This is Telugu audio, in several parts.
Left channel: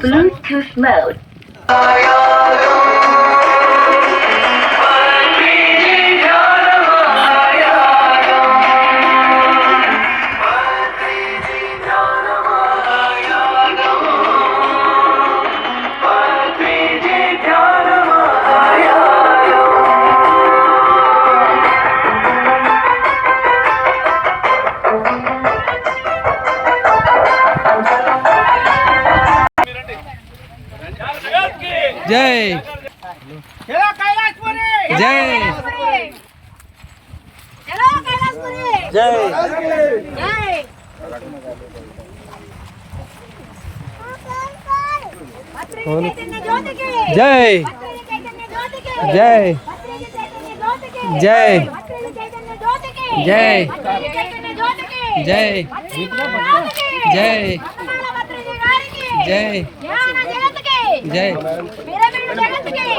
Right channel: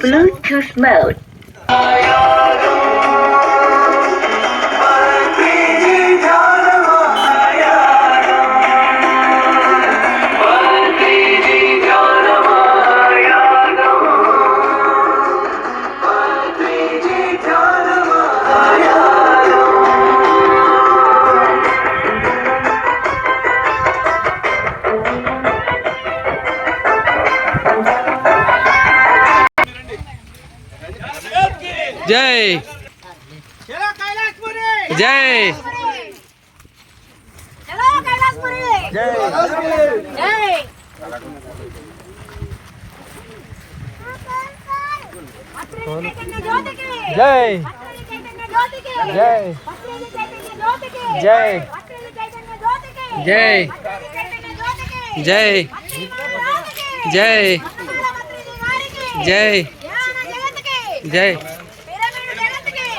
Bluetooth mode. జై చలో జై జై జై జై జై జై జై జై జై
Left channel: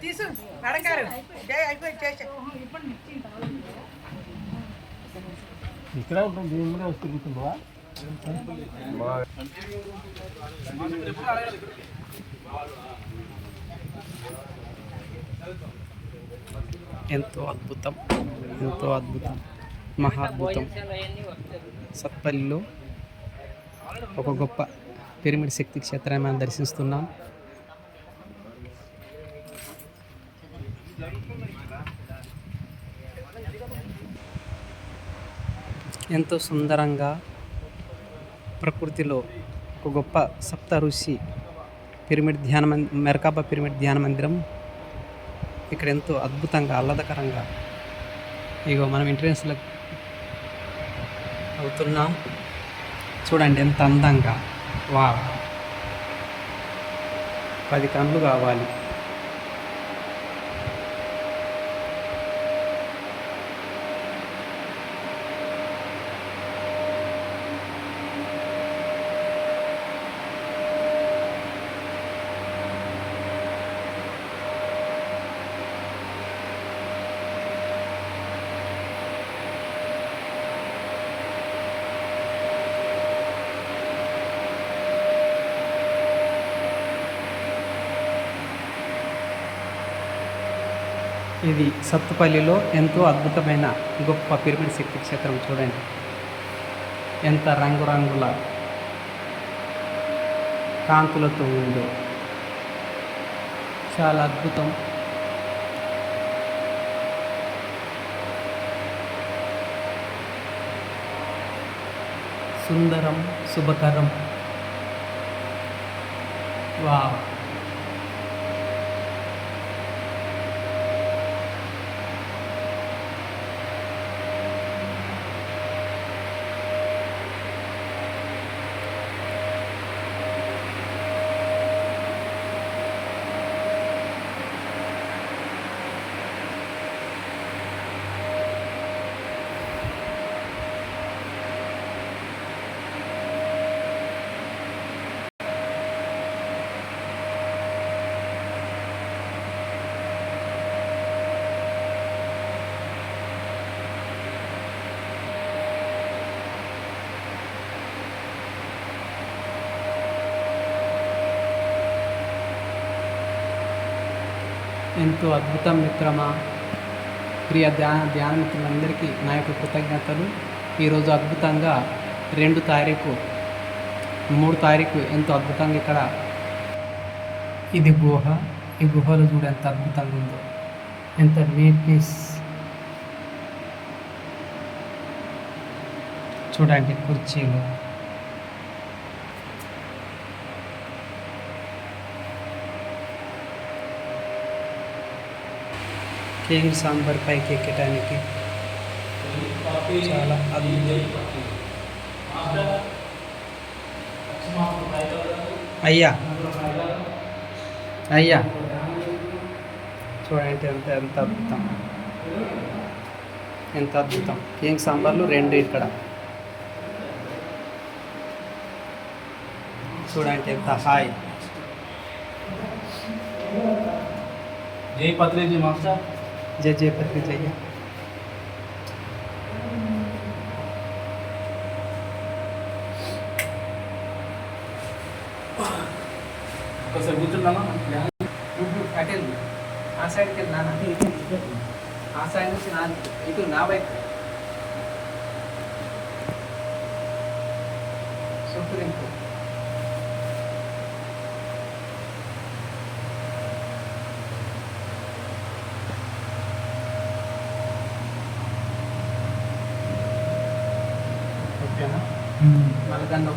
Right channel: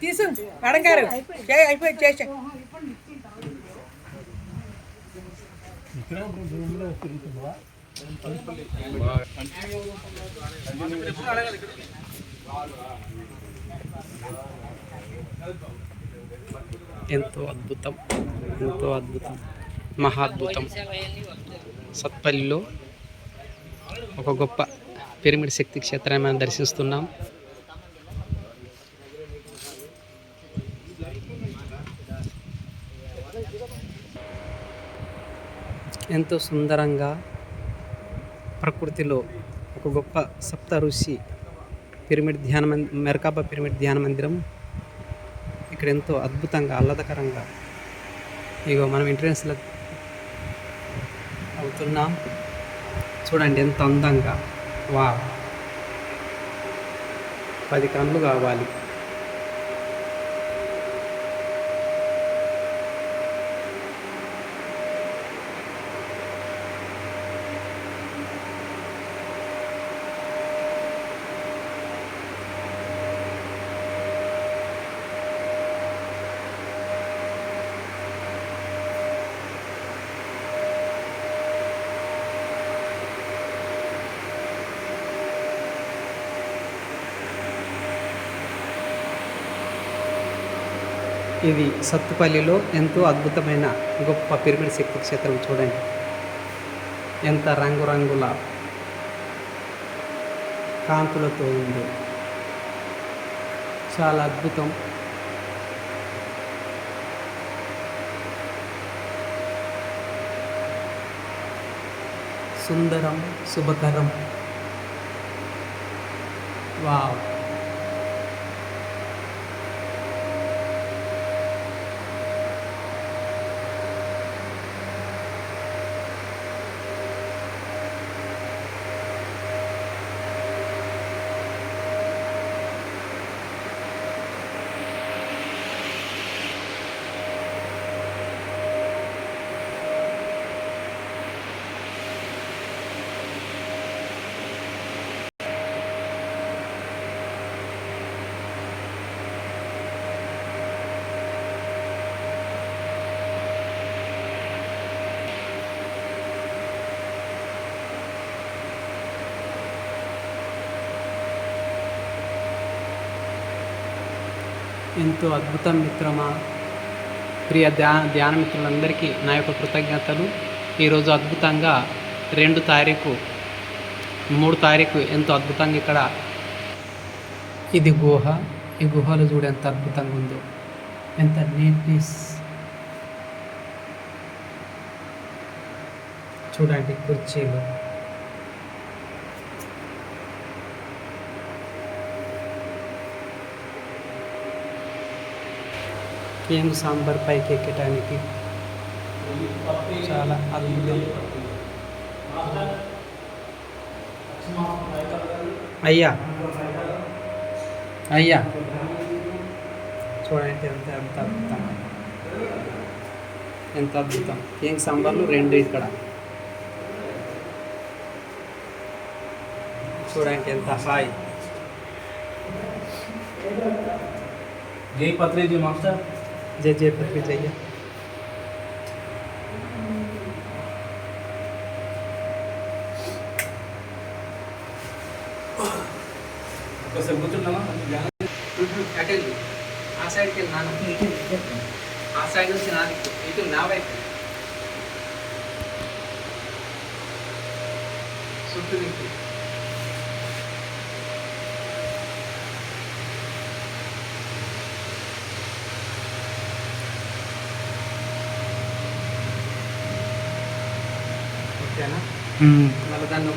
తీసు జై అయిపోయి చేసా ఎంతో అద్భుతం ఎంతో అద్భుతం మహాద్భుతం సత్పల్లిలో ఒక గొప్ప పిరమిడ్ శక్తి క్షేత్రాన్ని మనం దర్శిస్తున్నాం. ఎంతో సుందరంగా ప్రకృతిలో ఒక గొప్ప సప్త ఋషి పిరమిడ్ ధ్యాన మం మెరకాబా పిరమిడ్ ధ్యాన మందిరం. ఇక్కడ ఎంతో అద్భుతంగా ఆహ్లాదకరంగా ఇగో మనం ఎంట్రెన్స్లో అవుతున్నాం. చూడండి ఎంత అందంగా. వా పది కన్నులు కావాలి. ఇది సత్తుపల్లిలో ఎంతో అద్భుతమైన గొప్ప పిరమిడ్ శక్తి క్షేత్రం చూడండి. ఎంత రంగురంగుల కాంతులతో ఉందో. చాలా అద్భుతం. సుందరం శుభకరం. వావ్. ఎంతో అద్భుతం మిత్రమా. ప్రియ ధ్యాన ధ్యాన మిత్రులందరికీ నా యొక్క కృతజ్ఞతలు. ఈరోజు అద్భుతంగా రెండు తారీఖు మూడు తారీఖు ఎంతో అద్భుతంగా ఇక్కడ ఇది గుహ. ఈ గుహలో చూడు ఎంత అద్భుతంగా ఉందో. ఎంత నీట్నెస్. చూడండి కుర్చీలు. కేంగ్ సాంబార్ పైకి ఎక్కడానికి చాలా అద్భుతం. అయ్యా. అయ్యా. చూడండి ఎంత ఎంత అద్భుతం. ఎంత అద్భుతం. కేంగ్ సాంబార్లు? రెండు ఇక్కడ. చూడండి ఎంత హాయ్. జై పత్రేజీ మాస్టర్? జై జయ పత్రి జయ్య ఒకసారి కూర్చున్నాను అటు ఆ సైడ్కి వెళ్ళి నాన్న ఆ సైడ్ నుంచి నాది ఇటు నా వైపు చుట్టూ వాళ్ళు దాన్ని